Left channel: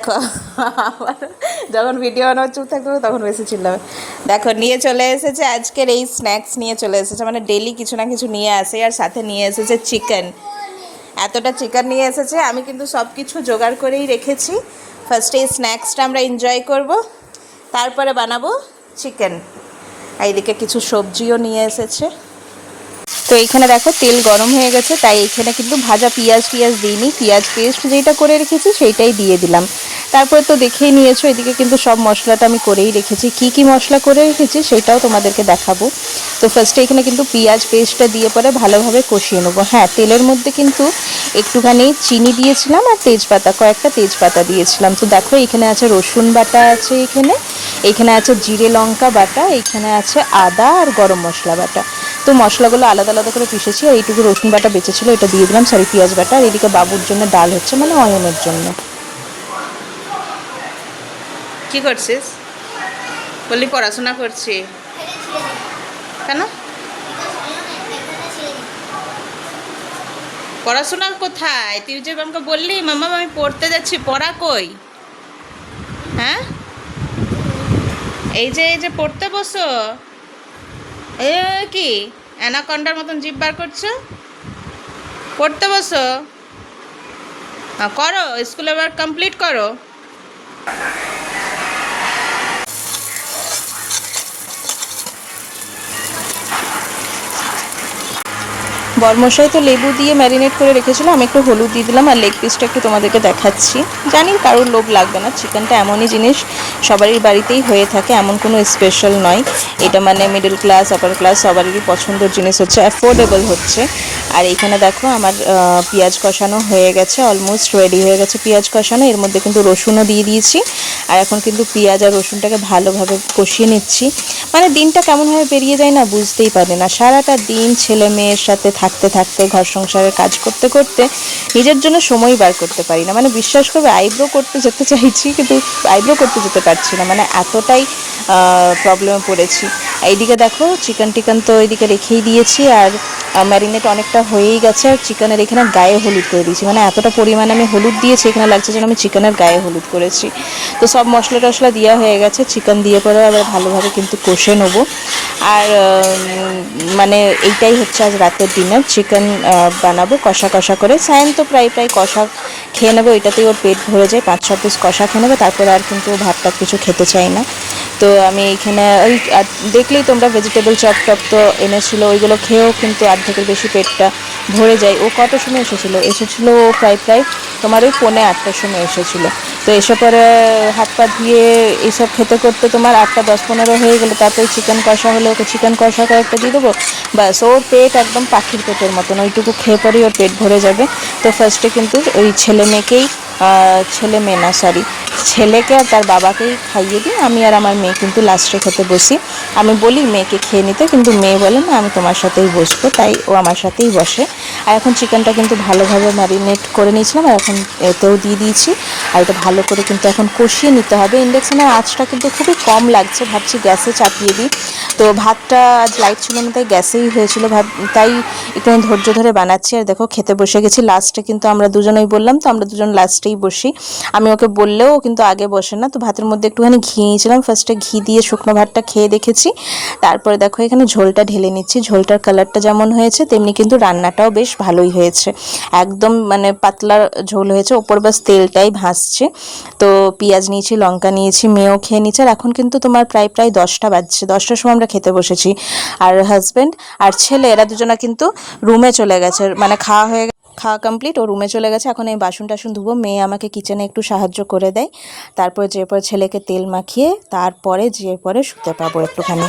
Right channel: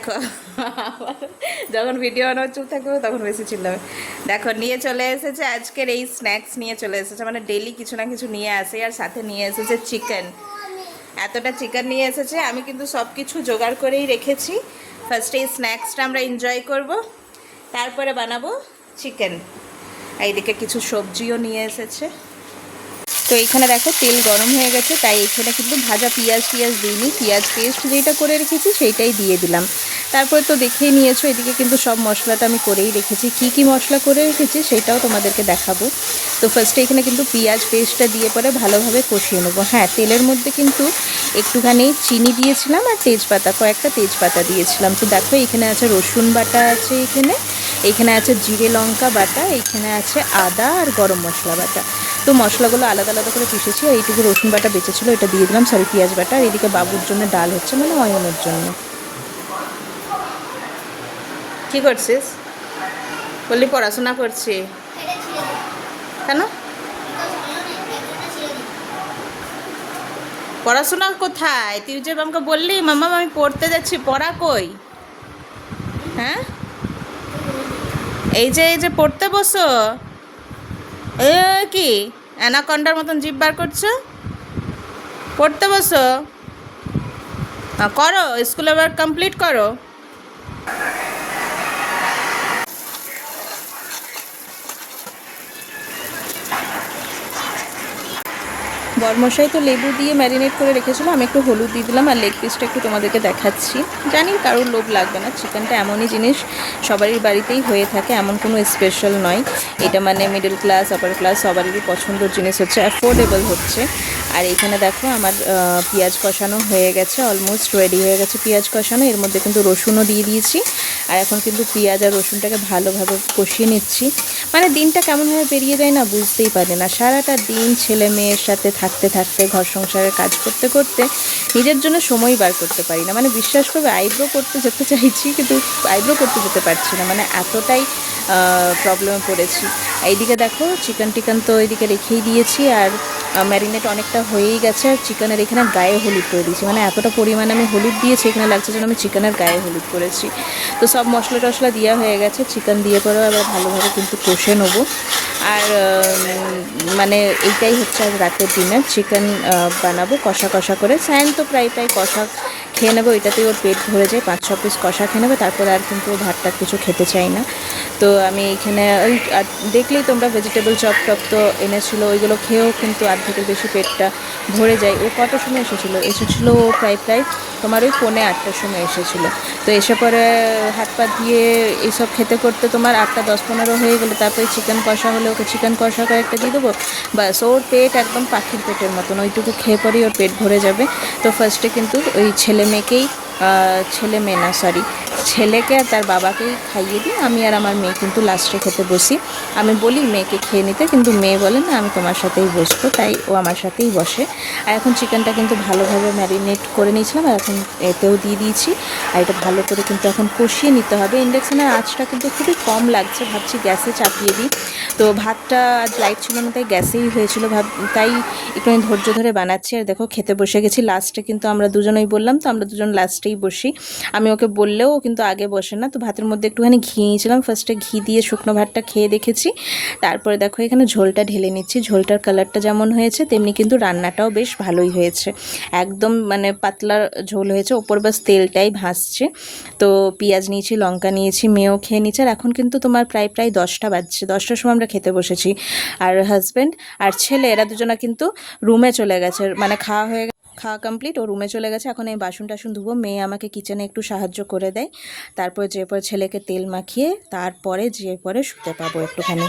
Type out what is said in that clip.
দেখো যখন ভিডিও বানানো চুপ থাকবে তখন বেশি চিল্লাবে। দেখো নিয়ে চলে এসেছে আজকের এই স্ন্যাক্স নিয়ে চলে এসেছে, মানে ডেলি কিছু না কিছু নিয়ে আসে, আর সাথে নিয়ে এসেছে চিকেন। এতটা চিকেন নিয়ে এসেছে, আমি কিন্তু সব কিছু জোগাড় করেই রেখেছি। ফার্স্টে এই স্ন্যাক্সটা আমরা এনজয় করব, তারপরে বানাবো চিকেন। এইদিকে কিছু সবজিও নিয়ে এসেছে। তো এইখানে দেখো তেল গরম হয়ে গেছে, তাই এইখানে কিন্তু ভাজা পেঁয়াজ দিইনি, পেঁয়াজ পেস্ট যেটা করে রেখেছি সেইটাই দিয়ে দিলাম। তারপরে তো দেখেই নিয়েছো, এদিকে কিন্তু সব মশলাটা আমি করেই রেখেছি। কি কি মশলা করে রেখেছি সেটাও তোমাদেরকে দেখাবো। তো ফার্স্টে এখানে কিন্তু পেঁয়াজ পেস্টটা দিয়ে পরে ভালোভাবে কষিয়ে নেবো। হ্যাঁ, তেলের মধ্যে কিন্তু একটুখানি চিনি দিয়েছিলাম আর তেজপাতা, কয়েকটা তেজপাতা দিয়েছিলাম। তো দেখো এখানে আছে রসুন বাটা, আছে এইখানে আছে জিরে লঙ্কা বাটা, এইখানে আছে আদা আর গরম মশলা বাটা। তো মশলাগুলো আলাদা আলাদা করে পিষেছি, আর এইটুকু রসুন বাটা বেঁচেছিল এটা দিয়ে দিলাম, সরি পেঁয়াজ বাটা। আর এদিকে বাবুর জন্য ডাল হচ্ছে, মানে অয়নের জন্য। কি করছিস? বললি পড়াশোনা করছি, কেন? পড়াশোনা কোথায়? তুই যে আমাকে বললি মামা আমি পড়তে যাচ্ছি, পড়া কই? হ্যাঁ, এই যে পড়তে বসো। এ কি অ্যানাকন্ডার মতন জিভ বার করছো? পড়তে বসো, করো স্কুলের ওয়ার্ক কমপ্লিট করো। বরমশাই তো লেবু দিয়ে ম্যারিনেট করে রেখেছিল, আমি একটু হলুদ দিয়ে দিলাম। আর লেগ পিসটা একটু তোমাদেরকে দেখাচ্ছি। জানি কারোর লোভ লাগবে না, চিকেনটা এমনই জিনিস সবারই বাড়িতেই হয়ে থাকে, এমন কোনো স্পেশাল নয়। এটা মানে মিডল ক্লাস আপার ক্লাস সবারই পছন্দের জিনিস হচ্ছে, অ্যাফোর্ডেবল হচ্ছে। আর এইখানে দেখো আমার পেঁয়াজ কষানো হয়ে গেছে, অলমোস্ট রেডি হয়ে গেছে পেঁয়াজ কষানো। এর মধ্যে কিন্তু রসুনও দিয়ে দিয়েছি, আর এখন কিন্তু পেঁয়াজ আর রসুনটাকে ভালোভাবে কষিয়ে নিচ্ছি। মানে দিনটা কেমনভাবে বেরিয়ে যায় না বুঝতেই পারি না। সারাটা দিন ছেলে মেয়ের সাথে থাকতে থাকতে, ঘর সংসারের কাজ করতে করতে নিজের জন্য সময় বার করতে পারি না। মানে বিশ্বাস করবে, আইব্রো করতে যেতে চাইছি কিন্তু আইব্রো করতে যেতে পারছি না, মানে এতটাই প্রবলেমে পড়েছি। এইদিকে দেখো চিকেন তো এইদিকে রেখেই দিয়েছি, আর ম্যারিনেট অনেকটা হয়েই গেছে। আর চিকেনের এখানে গায়ে হলুদ করে দিয়েছি, মানে এতটা পরিমাণে আমি হলুদ দিয়েছি, এখানে লাগছে যেন আমি চিকেনের গায়ে হলুদ করেছি। তো সব মশলা টশলা দেওয়া হয়ে গেছে, চিকেন দিয়ে পরে আবার ভালোভাবে কিন্তু কষে নেবো। আর মানে এইটাই হচ্ছে আজ রাতের ডিনার, চিকেন বানাবো কষা কষা করে। সায়ন তো প্রায় কষা খেয়ে নেবো, এটাতেই ওর পেট ভরে যায়, 5-6 পিস কষা খেয়ে নেবে, তারপরে আর কিন্তু ভাতটা কিছু খেতে চাই না। তো আমি এইখানে ওই দেখলেই তোমরা ভেজিটেবল চপ টপ তো এনেছিলো, ওইগুলো খেয়েও কিন্তু অর্ধেকের বেশি পেটটা ভরে যায়। ও কত সময় এসেছিলো ও প্রায় তোমার ওই 7:45 সময় এসেছিলো। তো এসে পরে হাত পা ধুয়ে এইসব খেতে করতে তোমার 8:10-15 হয়ে গেলো। তারপরে চিকেন কষা হলে ওকে চিকেন কষা কয়েকটা দিয়ে দেবো, ব্যাস ওর পেট একদম পাখির পেটের মতন, ওইটুকু খেয়ে পরেই ওর পেট ভরে যাবে। তো ফার্স্টে কিন্তু ওই ছেলে মেয়ে না সরি ছেলেকে আর তার বাবাকেই খাইয়ে দিই, আমি আর আমার মেয়ে কিন্তু লাস্টে খেতে বসি। আমি বলি মেয়েকে খেয়ে নিতে, কিন্তু মেয়ে বলে না আমি তোমার সাথেই বসবো, তাই ও আমার সাথেই বসে। আর এখন চিকেনটা কিন্তু ভালোভাবে ম্যারিনেট করে নিয়েছিলাম, আর এখন এতেও দিয়ে দিয়েছি। আর এটা ভালো করে কিন্তু এখন কষিয়ে নিতে হবে। ইন্ডাকশানের আঁচটা কিন্তু খুবই কম লাগছে, ভাবছি গ্যাসে চাপিয়ে দিই। তো ভাতটা আজ লাইট ছিল না, তাই গ্যাসেই হয়েছিল, তাই একটু ধৈর্য ধরে বানাচ্ছি। আর দেখো খেতে বসে গেছি লাস্টে, কিন্তু আমরা দুজনেই বললাম তো আমরা দুজন লাস্টেই বসি। আমি ওকে বললেও কিন্তু আগে বসে না। তো ভাতের মধ্যে একটুখানি ঘি নিয়েছিলাম, ফার্স্টে ঘি দিয়ে শুকনো ভাতটা খেয়ে দেখেছি। তারপরে দেখো এখানে ঝোলটা ঢেলে নিচ্ছি। ঝোলটার কালারটা যেমন হয়েছে তেমনি কিন্তু রান্নাটাও বেশ ভালোই হয়েছে, একদম মানে পাতলা ঝোল হয়েছে, ওপর বাস তেলটাই ভাসছে। তো পেঁয়াজ নিয়েছি, লঙ্কা নিয়েছি, মেয়েও খেয়ে নিচ্ছে। আর এখন কিন্তু তোমার প্রায় 10টা বাজছে, 10টার সময় আমরা খেতে বসেছি। আর হাজব্যান্ড আর ছেলে এরা দুজনা কিন্তু রুমে চলে গেছে, মানে খাওয়া কমপ্লিট, ও রুমে চলে গেছে। এখন এই বাসন টাসন ধুবো, মেয়ে আমাকে কিচেনে একটু সাহায্য করে দেয়। তারপরে যে পরে ছেলেকে তেল মাখিয়ে তারপরে যে পরে শুতে পাবো একটুখানি।